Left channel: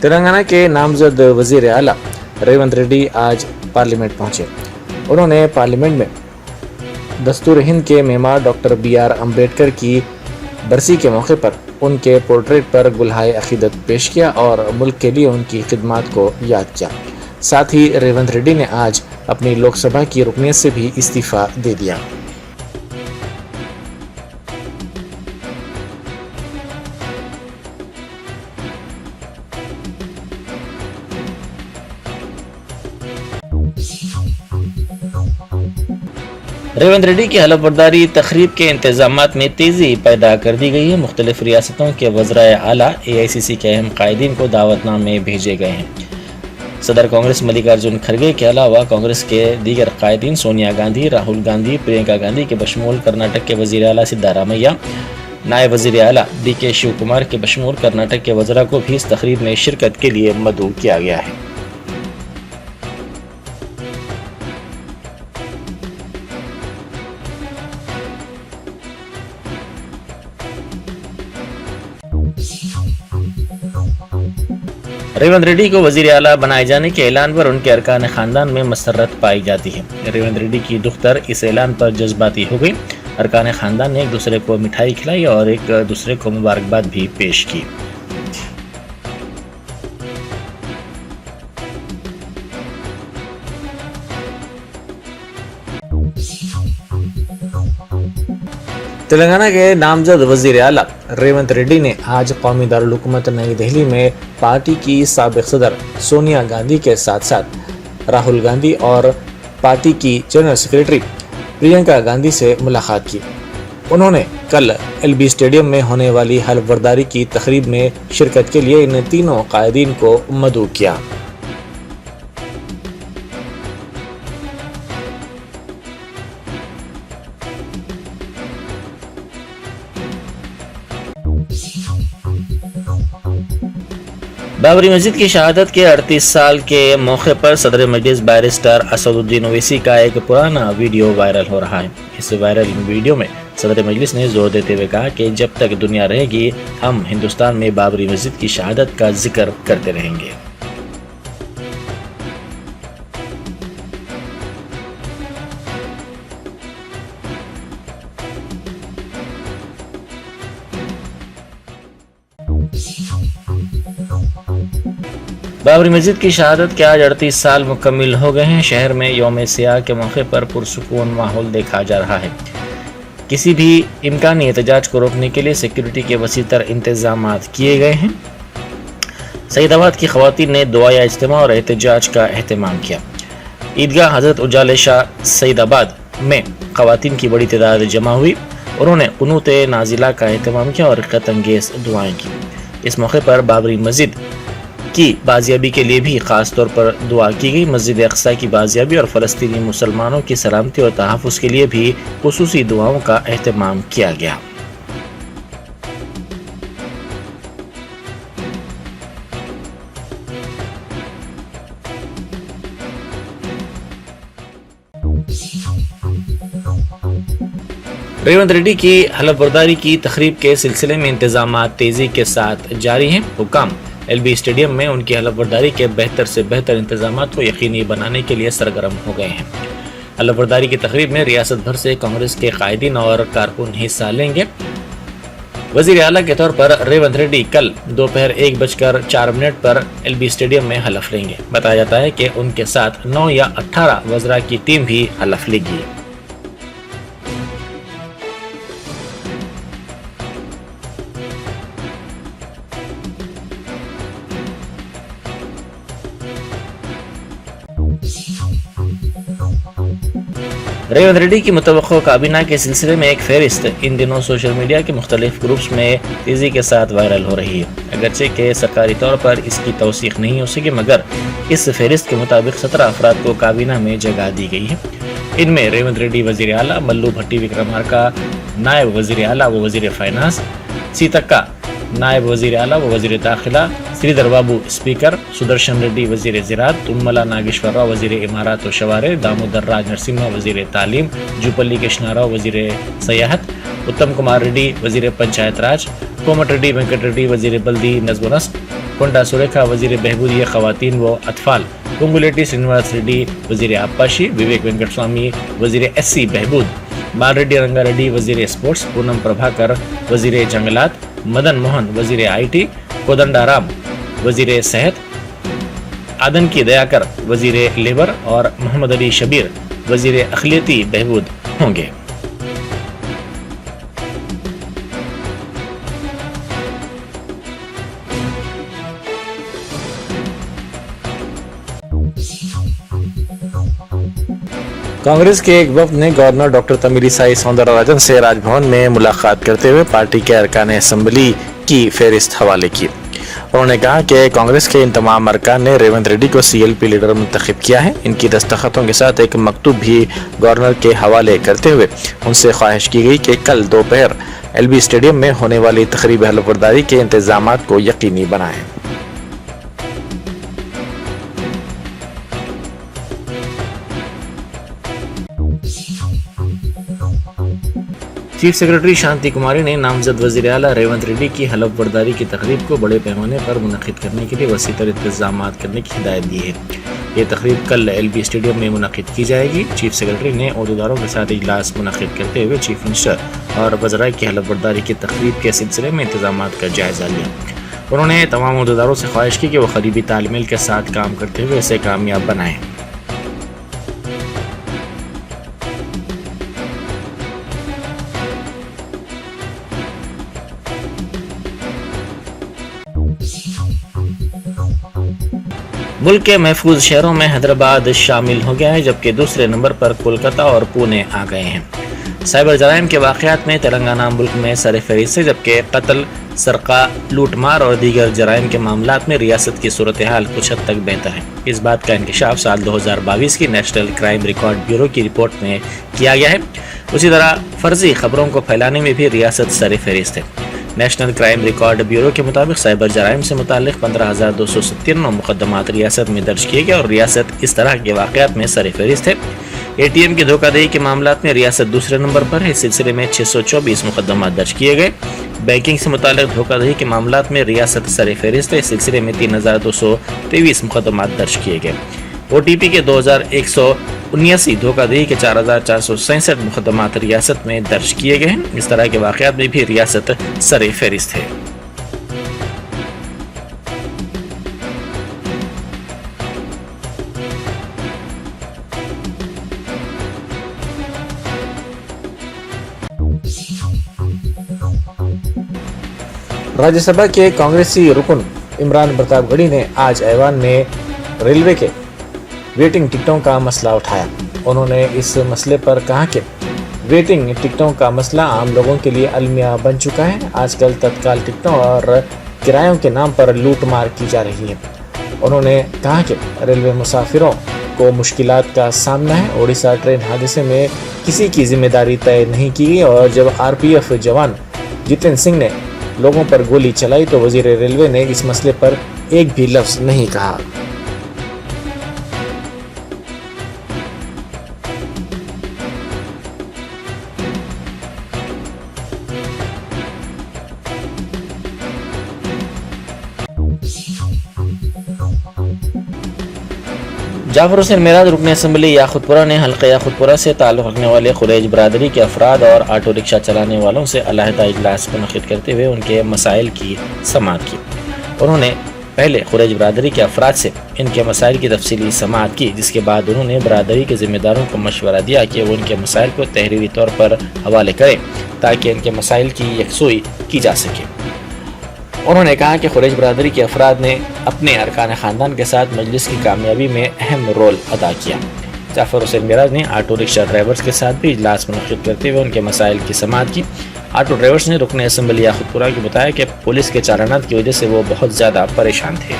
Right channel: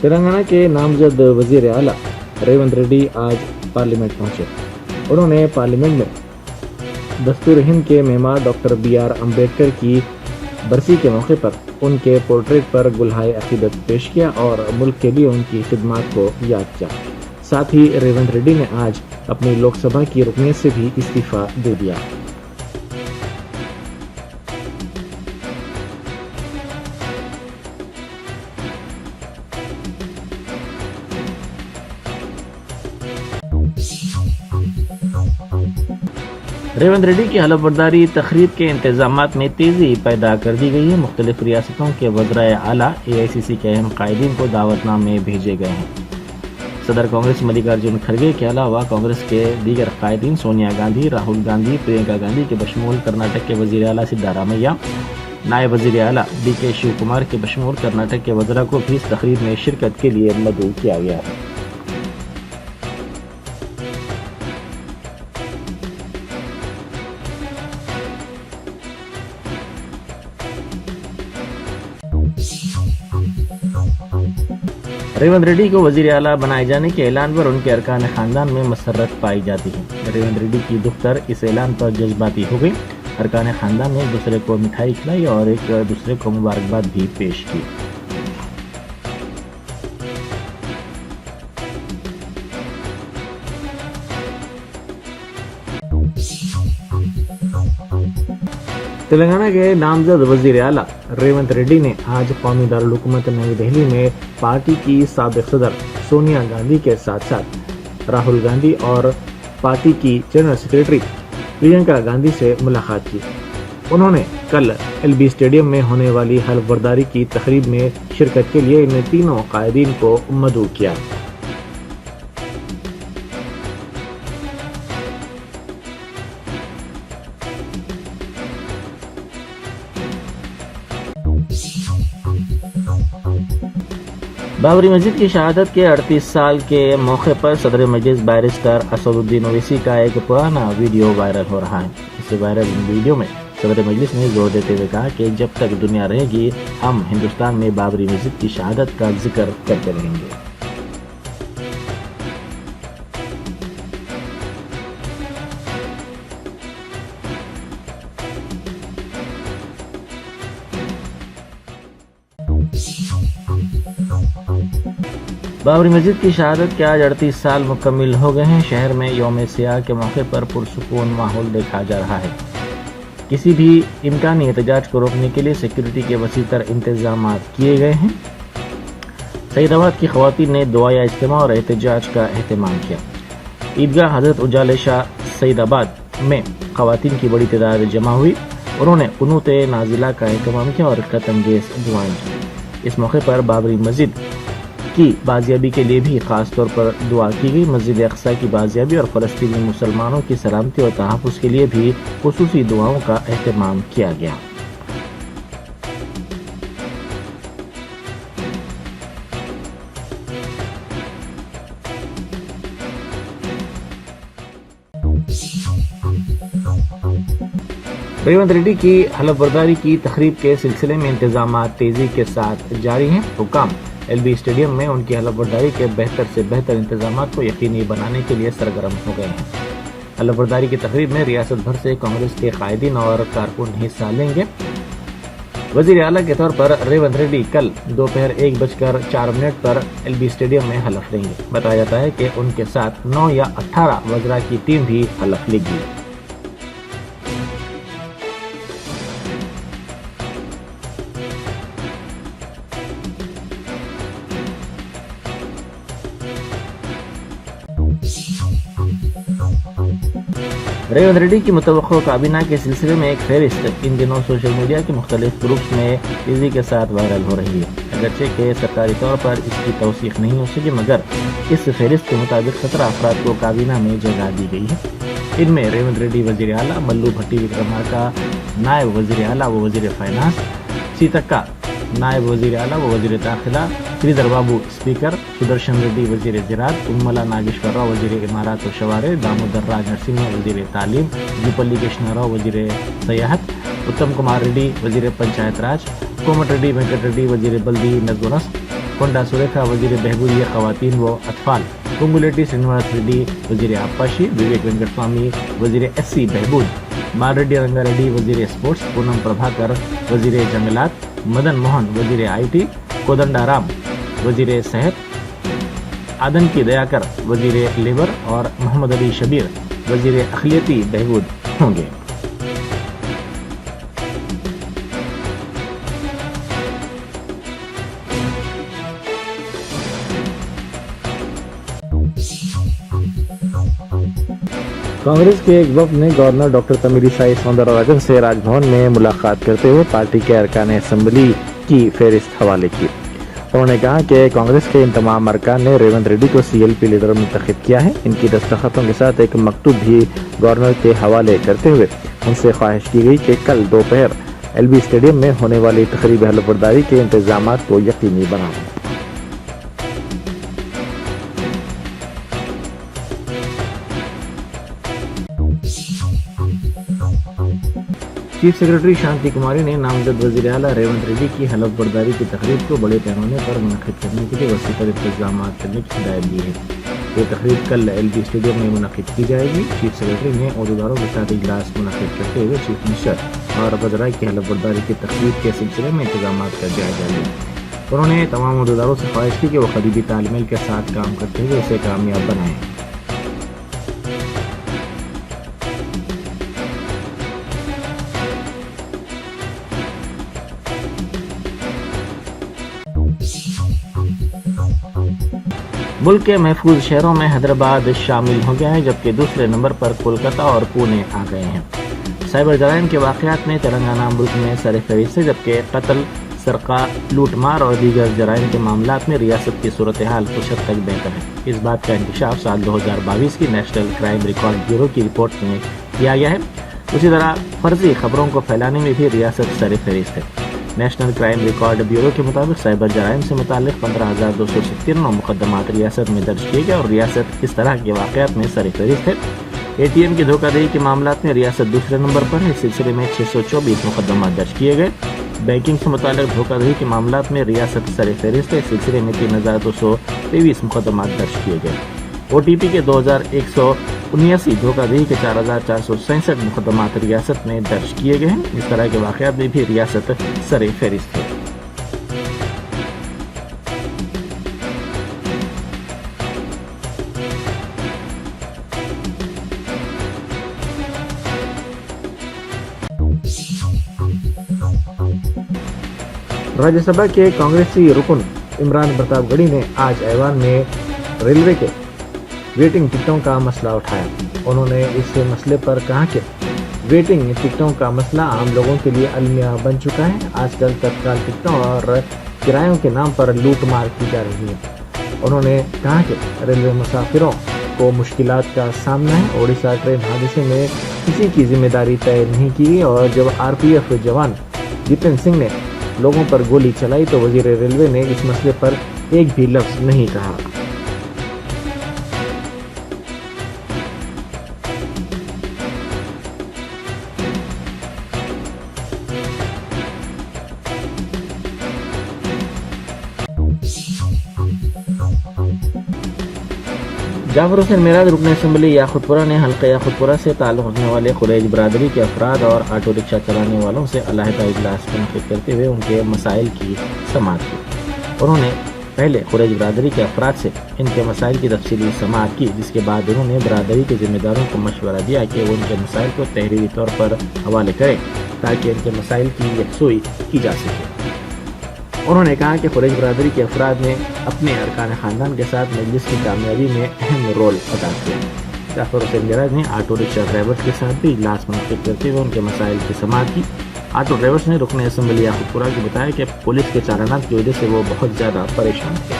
تلنگانہ کے نامزد وزیر اعلیٰ ریونت ریڈی آج پارلیمنٹ پہنچے. انہوں نے پارلیمنٹ میں دستور ہند کے معمار ڈاکٹر BR امبیڈکر کی برسی کے موقع پر ان کے پورٹریٹ پر گلہائے عقیدت پیش کیا اور ملک کے لیے ان کی خدمات کو یاد کیا. ساتھ ہی ریونت ریڈی نے آج اپنی لوک سبھا کی رکنیت سے بھی استعفیٰ دے دیا. ریونت ریڈی کی حلف برداری تقریب کے انتظامات میں تیزی پیدا کر دی گئی ہے. مختلف ریاستوں کے وزرائے اعلیٰ AICC کے اہم قائدین کو دعوت نامے بھیجے گئے ہیں. صدر کانگریس ملیکارجن کھڑگے کے علاوہ کانگریس کے دیگر قائدین سونیا گاندھی، راہل گاندھی، پرینکا گاندھی کے بشمول کرناٹک کے وزیر اعلیٰ سدھارامیہ، نائب وزیر اعلیٰ DK شیو کمار کے بشمول کرناٹک کے وزراء کو بھی اس تقریب میں شرکت کے لیے مدعو کیا گیا ہے. ریونت ریڈی کو وزیر اعلیٰ بنائے جانے کے اعلان پر ان کے ارکان خاندان میں مسرت پائی جاتی ہے. ریونت ریڈی کی دختر اس اعلان پر جذباتی ہو گئی. ارکان خاندان نے ایک دوسرے کو مٹھائی کھلائی اور ایک دوسرے کو مبارکباد بھی پیش کی. تلنگانہ کے نامزد وزیر اعلیٰ ریونت ریڈی نے آج قومی دارالحکومت نئی دہلی میں پارٹی کی سابق صدر سونیا گاندھی کے ساتھ ساتھ راہل گاندھی اور پارٹی کی جنرل سیکرٹری پرینکا گاندھی سے ملاقات کی. انہوں نے کل LB اسٹیڈیم میں ہونے والی حلف برداری کی تقریب میں شرکت کے لیے ان تینوں قائدین کو مدعو کیا. بابری مسجد کی شہادت کے 38 سال کے موقع پر صدر مجلس بیرسٹر اسد الدین اویسی کا ایک پرانا ویڈیو وائرل ہو رہا ہے. اس وائرل ویڈیو میں صدر مجلس نے زور دیتے ہوئے کہا کہ جب تک دنیا رہے گی ہم ہندوستان میں بابری مسجد کی شہادت کا ذکر کرتے رہیں گے. بابری مسجد کی شہادت کے آج 38 سال مکمل ہو گئے ہیں. شہر میں یوم سیاہ کے موقع پر پرسکون ماحول دیکھا جا رہا ہے. کسی بھی امکانی احتجاج کو روکنے کے لیے سیکیورٹی کے وسیع تر انتظامات کیے گئے ہیں. سعید آباد کی خواتین نے دعائیہ اجتماع اور احتجاج کا اہتمام کیا. عیدگاہ حضرت اجالے شاہ سعید آباد میں خواتین کی بڑی تعداد جمع ہوئی. انہوں نے قنوت نازلہ کا اہتمام کیا اور رقت انگیز دعائیں کی. اس موقع پر بابری مسجد کی بازیابی کے لیے بھی خاص طور پر دعا کی گئی. مسجد اقصی کی بازیابی اور فلسطینی مسلمانوں کی سلامتی اور تحفظ کے لیے بھی خصوصی دعاؤں کا اہتمام کیا گیا. ریونت ریڈی کی حلف برداری کی تقریب کے سلسلے میں انتظامات تیزی کے ساتھ جاری ہیں. حکام LB اسٹیڈیم میں ان کی حلف برداری کے بہتر سے بہتر انتظامات کو یقینی بنانے کے لیے سرگرم ہو گئے ہیں. حلف برداری کی تقریب میں ریاست بھر سے کانگریس کے قائدین اور کارکن حصہ لیں گے. وزیر اعلیٰ کے طور پر ریونت ریڈی کل دوپہر 1:04 پر LB اسٹیڈیم میں حلف لیں گے. بتایا جاتا ہے کہ ان کے ساتھ 9 یا 18 وزراء کی ٹیم بھی حلف لے گی. ریونت ریڈی کی متوقع کابینہ کے سلسلے میں ایک فہرست ان دنوں سوشل میڈیا کے مختلف گروپس میں تیزی کے ساتھ وائرل ہو رہی ہے. اگرچہ کہ سرکاری طور پر اس کی توثیق نہیں ہو سکی مگر اس فہرست کے مطابق 17 افراد کو کابینہ میں جگہ دی گئی ہے. ان میں ریونت ریڈی وزیر اعلیٰ، ملو بھٹی وکرمارکا نائب وزیر اعلیٰ و وزیر فائنانس، سیتکا نائب وزیر اعلیٰ و وزیر داخلہ، سریدر بابو اسپیکر، سدرشن ریڈی وزیر زراعت، تملا ناگیشور راؤ وزیر امارات و شوارع، دامودر راج نرسمہا وزیر تعلیم، جوپلی کرشنا راؤ وزیر سیاحت، اتم کمار ریڈی وزیر پنچایت راج، کومٹ ریڈی وینکٹ ریڈی وزیر بلدی نظم و نسق، کنڈا سریکھا وزیر بہبودی خواتین و اطفال، کنگولیٹی سرینواس ریڈی وزیر آبپاشی، وویک وینکٹ سوامی وزیر ایس سی بہبود، بال ریڈی رنگا ریڈی وزیر اسپورٹس، پونم پربھاکر وزیر جنگلات، مدن موہن وزیر آئی ٹی، کودنڈا رام وزیر صحت، آدنکی دیاکر وزیر لیبر اور محمد علی شبیر وزیر اقلیتی بہبود ہوں گے۔ کانگریس کے ایک وفد نے گورنر ڈاکٹر تمیلیسائی سوندرراجن سے راج بھون میں ملاقات کرتے ہوئے پارٹی کے ارکان اسمبلی کی فہرست حوالے کی۔ انہوں نے کہا کہ کانگریس کے ان تمام ارکان نے ریونت ریڈی کو سی ایل پی لیڈر منتخب کیا ہے۔ ان کی دستخطوں کے ساتھ ایک مکتوب بھی گورنر کے حوالے کرتے ہوئے ان سے خواہش کی گئی کہ کل دوپہر ایل بی اسٹیڈیم میں ہونے والی تقریب حلف برداری کے انتظامات کو یقینی بنائیں۔ چیف سیکرٹری شانتی کماری نے نامزد وزیر اعلیٰ ریونت ریڈی کی حلف برداری کی تقریب کو بڑے پیمانے پر منعقد کرنے کے لیے وسیع تر انتظامات کرنے کی ہدایت دی ہے۔ یہ تقریب کل ایل بی اسٹیڈیم میں منعقد کی جائے گی۔ چیف سیکرٹری نے عہدیداروں کے ساتھ اجلاس منعقد کرتے ہوئے چیف منسٹر اور وزراء کی حلف برداری کی تقریب کے سلسلے میں انتظامات کا جائزہ لیا۔ انہوں نے تمام عہدیداروں سے خواہش کی کہ وہ قریبی تال میل کے ساتھ کام کرتے ہوئے اسے کامیاب بنائیں۔ ملک کے محفوظ شہروں میں حیدرآباد شامل ہو گیا ہے، جبکہ دوسرے نمبر پر کولکاتہ اور پونے آ گئے ہیں۔ سائبر جرائم کے واقعات میں تلنگانہ ملک میں سر فہرست ہے، جبکہ قتل، سرقہ، لوٹ مار اور دیگر جرائم کے معاملات میں ریاست کی صورتحال کچھ حد تک بہتر ہے۔ اس بات کا انکشاف سال 2022 کی نیشنل کرائم ریکارڈ بیورو کی رپورٹ میں کیا گیا ہے۔ اسی طرح فرضی خبروں کو پھیلانے میں بھی ریاست سر فہرست ہے۔ نیشنل کرائم ریکارڈ بیورو کے مطابق سائبر جرائم سے متعلق 15,297 مقدمات ریاست میں درج کیے گئے اور ریاست اس طرح کے واقعات میں سر فہرست ہے۔ اے ٹی ایم کی دھوکہ دہی کے معاملات میں ریاست دوسرے نمبر پر ہے۔ اس سلسلے میں 624 مقدمات درج کیے گئے۔ بینکنگ سے متعلق دھوکہ دہی کے معاملات میں ریاست سر فہرست ہے۔ اس سلسلے میں 3,223 مقدمات درج کیے گئے۔ او ٹی پی کے 2,179 دھوکہ دہی کے 4,467 مقدمات ریاست میں درج کیے گئے ہیں۔ اس طرح کے واقعات میں بھی ریاست سر فہرست ہے۔ راجیہ سبھا کے کانگریسی رکن عمران پرتاپ گڑھی نے آج ایوان میں ریلوے کے ویٹنگ ٹکٹوں کا مسئلہ اٹھایا۔ انہوں نے اس مسئلے پر کہا کہ ویٹنگ ٹکٹوں کا مسئلہ عام لوگوں کے لیے المیہ بن چکا ہے۔ آج کل تتکال ٹکٹوں اور کرایوں کے نام پر لوٹ مار کی جا رہی ہے۔ انہوں نے کہا کہ ریلوے مسافروں کو مشکلات کا سامنا ہے۔ اڑیسہ ٹرین حادثے میں کسی کی ذمہ داری طے نہیں کی گئی اور جب آر پی ایف جوان جتن سنگھ نے لوگوں پر گولی چلائی تو وزیر ریلوے نے اس مسئلے پر ایک بھی لفظ نہیں کہا۔ جعفر حسین معراج رکن اسمبلی یاقوت پورہ نے حلقہ یاقوت پورہ سے تعلق رکھنے والے قریش برادری کے افراد اور آٹو رکشہ چلانے والوں سے علیحدہ اجلاس منعقد کرتے ہوئے ان کے مسائل کی سماعت کی۔ انہوں نے پہلے قریش برادری کے افراد سے ان کے مسائل کی تفصیلی سماعت کی، جس کے بعد انہوں نے برادری کے ذمہ داروں کو مشورہ دیا کہ وہ ان کے مسائل کو تحریری طور پر حوالے کریں تاکہ ان کے مسائل کی یکسوئی کی جا سکے۔ انہوں نے کہا کہ قریش برادری کے افراد نے اپنے ارکان خاندان کے ساتھ مجلس کی کامیابی میں اہم رول ادا کیا۔ جعفر حسین معراج نے آٹو رکشہ ڈرائیورز کے ساتھ بھی اجلاس منعقد کرتے ہوئے ان کے مسائل کی سماعت کی۔ آٹو ڈرائیورز نے رکن اسمبلی یاقوت پورہ کو بتایا کہ پولیس کے چالانات کی وجہ سے وہ بہت زیادہ پریشان تھے۔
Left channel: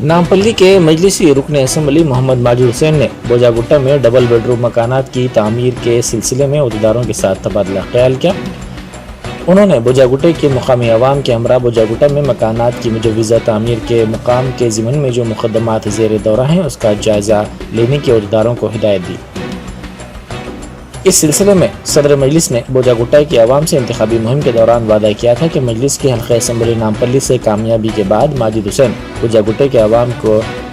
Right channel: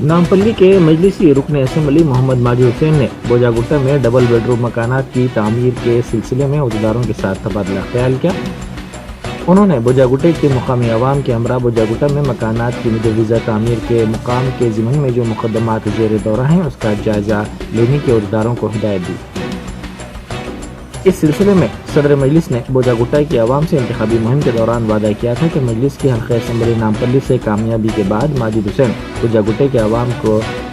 نامپلی کے مجلسی رکن اسمبلی محمد ماجد حسین نے بوجا گٹا میں ڈبل بیڈ روم مکانات کی تعمیر کے سلسلے میں عہدیداروں کے ساتھ تبادلہ خیال کیا۔ انہوں نے بوجاگٹے کے مقامی عوام کے ہمراہ بوجاگٹا میں مکانات کی مجوزہ تعمیر کے مقام کے ضمن میں جو مقدمات زیر دورہ ہیں اس کا جائزہ لینے کی عہدیداروں کو ہدایت دی۔ اس سلسلے میں صدر مجلس نے بوجاگٹا کی عوام سے انتخابی مہم کے دوران وعدہ کیا تھا کہ مجلس کی حلقہ اسمبلی نامپلی سے کامیابی کے بعد ماجد حسین بوجاگٹے کے عوام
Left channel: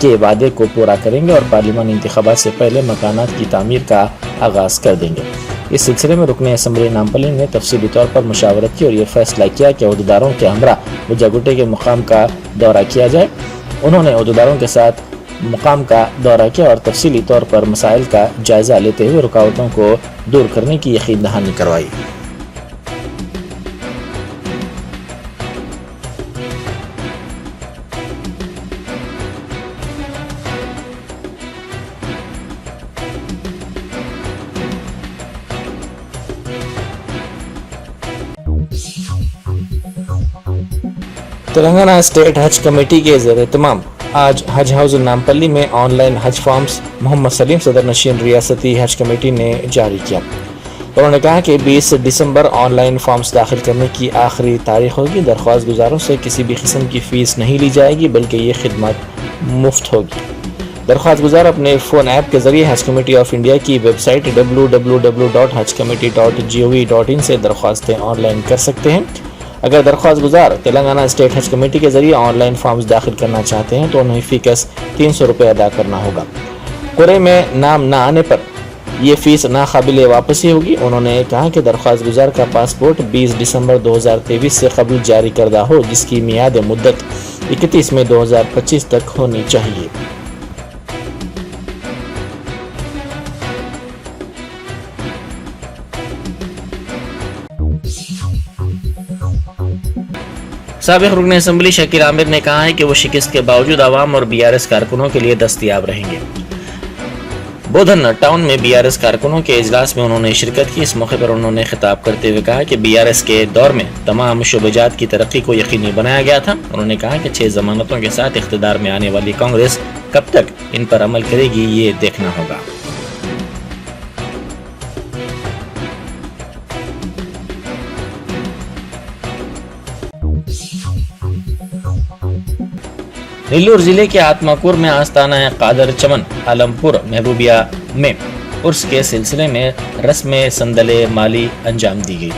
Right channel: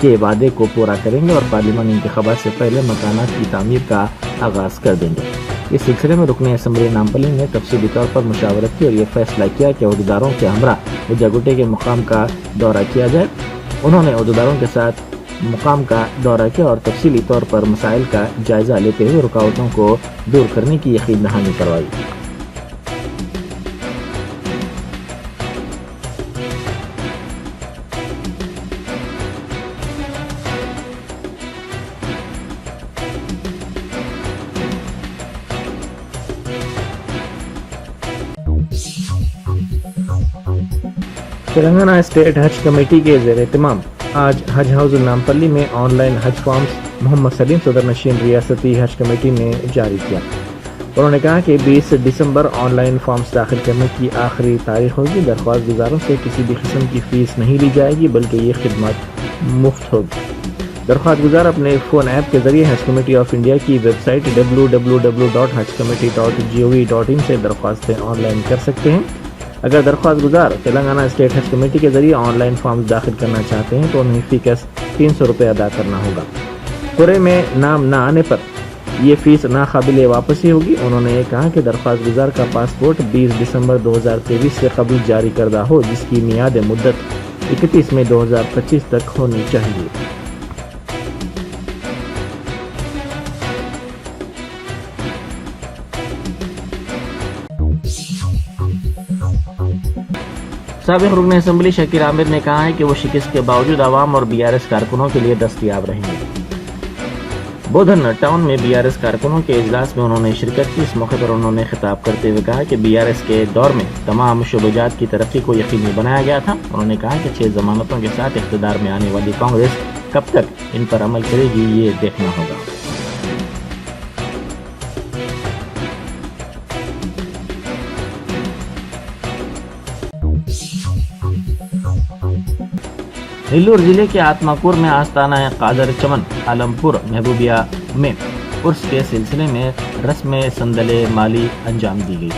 کے وعدے کو پورا کریں گے اور پارلیمانی انتخابات سے پہلے مکانات کی تعمیر کا آغاز کر دیں گے۔ اس سلسلے میں رکن اسمبلی نامپلی نے تفصیلی طور پر مشاورت کی اور یہ فیصلہ کیا کہ عہدیداروں کے ہمراہ بوجاگٹے کے مقام کا دورہ کیا جائے۔ انہوں نے عہدیداروں کے ساتھ مقام کا دورہ کیا اور تفصیلی طور پر مسائل کا جائزہ لیتے ہوئے رکاوٹوں کو دور کرنے کی یقین دہانی کروائی۔ تلنگانہ اسٹیٹ حج کمیٹی کے زیر اہتمام آج حج ہاؤس نامپلی میں آن لائن حج فارمز محمد سلیم صدر نشین ریاستی حج کمیٹی نے جاری کیا۔ انہوں نے کہا کہ 20 دسمبر آن لائن فارمز داخل کرنے کی آخری تاریخ ہوگی۔ درخواست گزاروں سے کسی بھی قسم کی فیس نہیں لی جائے گی بلکہ یہ خدمات مفت ہوگی۔ درخواست گزار اپنے فون ایپ کے ذریعے حج کمیٹی آف انڈیا کی ویب سائٹ www.hajcommittee.gov.in سے درخواستیں آن لائن کر سکتے ہیں۔ اگر درخواست گزار تلنگانہ اسٹیٹ حج کمیٹی کے ذریعے آن لائن فارمز داخل کرنا چاہتے ہیں تو انہیں فی کس 300 روپے ادا کرنا ہوگا۔ قرعے میں نام نہ آنے پر یہ فیس ناقابل واپسی ہوگی۔ انہوں نے کہا کہ درخواست گزار کا پاسپورٹ 20 دسمبر 2023 سے قبل جاری کردہ ہو جس کی میعاد مدت 31 مئی 2025 تک ہونی چاہیے۔ سابق رکن اسمبلی شکیل عامر نے کہا ہے کہ وہ شکست کے باوجود عوام اور BRS کارکنوں کے لیے دستیاب رہیں گے۔ بودھن ٹاؤن میں BRS کارکنوں کے اجلاس میں انہوں نے شرکت کی۔ اس موقع پر انہوں نے خطاب کرتے ہوئے کہا کہ BRS کے دور میں تمام شعبہ جات کی ترقی کو یقینی بنایا گیا تھا۔ انہوں نے کہا کہ 6 ضمانتوں کے ساتھ اقتدار میں آنے والی کانگریس کب تک ان پر عمل کرے گی یہ دیکھنا ہوگا۔ نیلور ضلع کے آتماکور میں آستانہ قادر چمن عالمپور محبوبیہ میں عرس کے سلسلے میں رسم سندل مالی انجام دی گئی۔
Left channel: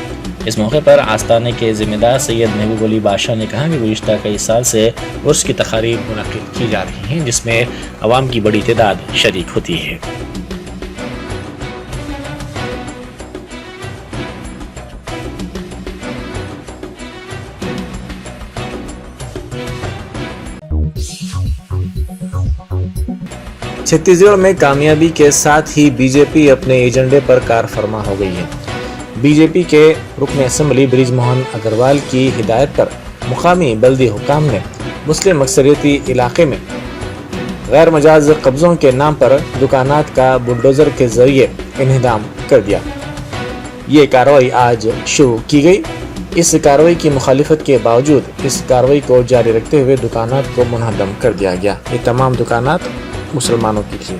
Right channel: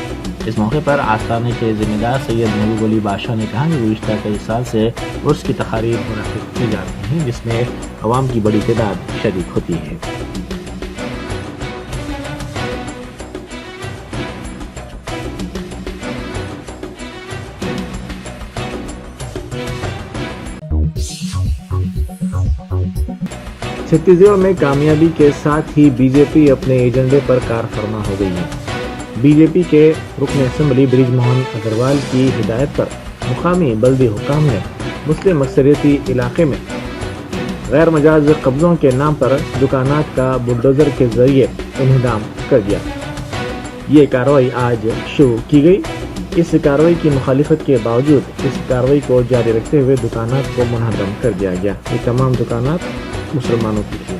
اس موقع پر آستانے کے ذمہ دار سید محبوب علی بادشاہ نے کہا کہ گزشتہ کئی سال سے عرس کی تقاریب منعقد کی جا رہی ہیں جس میں عوام کی بڑی تعداد شریک ہوتی ہے۔ چھتیس گڑھ میں کامیابی کے ساتھ ہی بی جے پی اپنے ایجنڈے پر کار فرما ہو گئی ہے۔ بی جے پی کے رکن اسمبلی برج موہن اگروال کی ہدایت پر مقامی بلدی حکام نے مسلم اکثریتی علاقے میں غیر مجاز قبضوں کے نام پر دکانات کا بلڈوزر کے ذریعے انہدام کر دیا۔ یہ کارروائی آج شروع کی گئی۔ اس کارروائی کی مخالفت کے باوجود اس کارروائی کو جاری رکھتے ہوئے دکانات کو منہدم کر دیا گیا۔ یہ تمام دکانات مسلمانوں کی تھی۔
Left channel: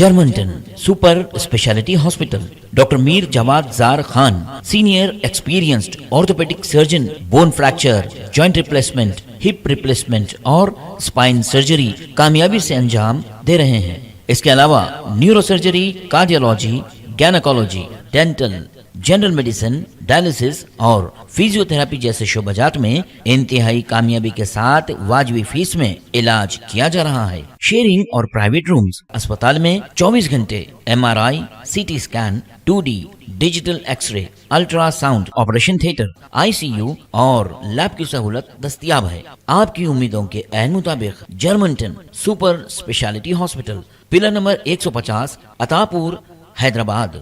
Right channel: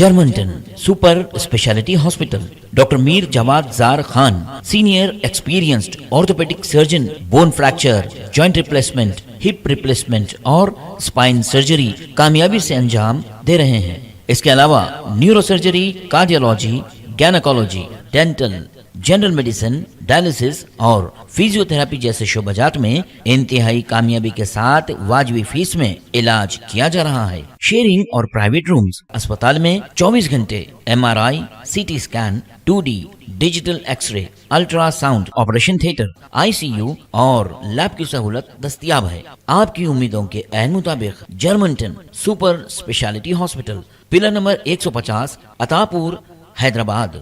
جرمنٹن super speciality hospital doctor Mir Jawad Zar Khan senior experienced orthopaedic surgeon bone fracture joint replacement hip replacement اور اسپائن سرجری کامیابی سے انجام دے رہے ہیں۔ اس کے علاوہ neuro surgery, cardiology, gynaecology, dental, general medicine, dialysis اور فزیو تھراپی جیسے شعبہ جات میں انتہائی کامیابی کے ساتھ واجبی فیس میں علاج کیا جا رہا ہے۔ شیئرنگ اور پرائیویٹ رومز، اسپتال میں 24 گھنٹے MRI، CT scan, 2D digital X ray, ultra sound, operation theatre, ICU اور لیب کی سہولت دستیاب ہے۔ آپ کی امیدوں کے عین مطابق جرمنٹن super speciality hospital, pillar number 150، Attapur, Hyderabad.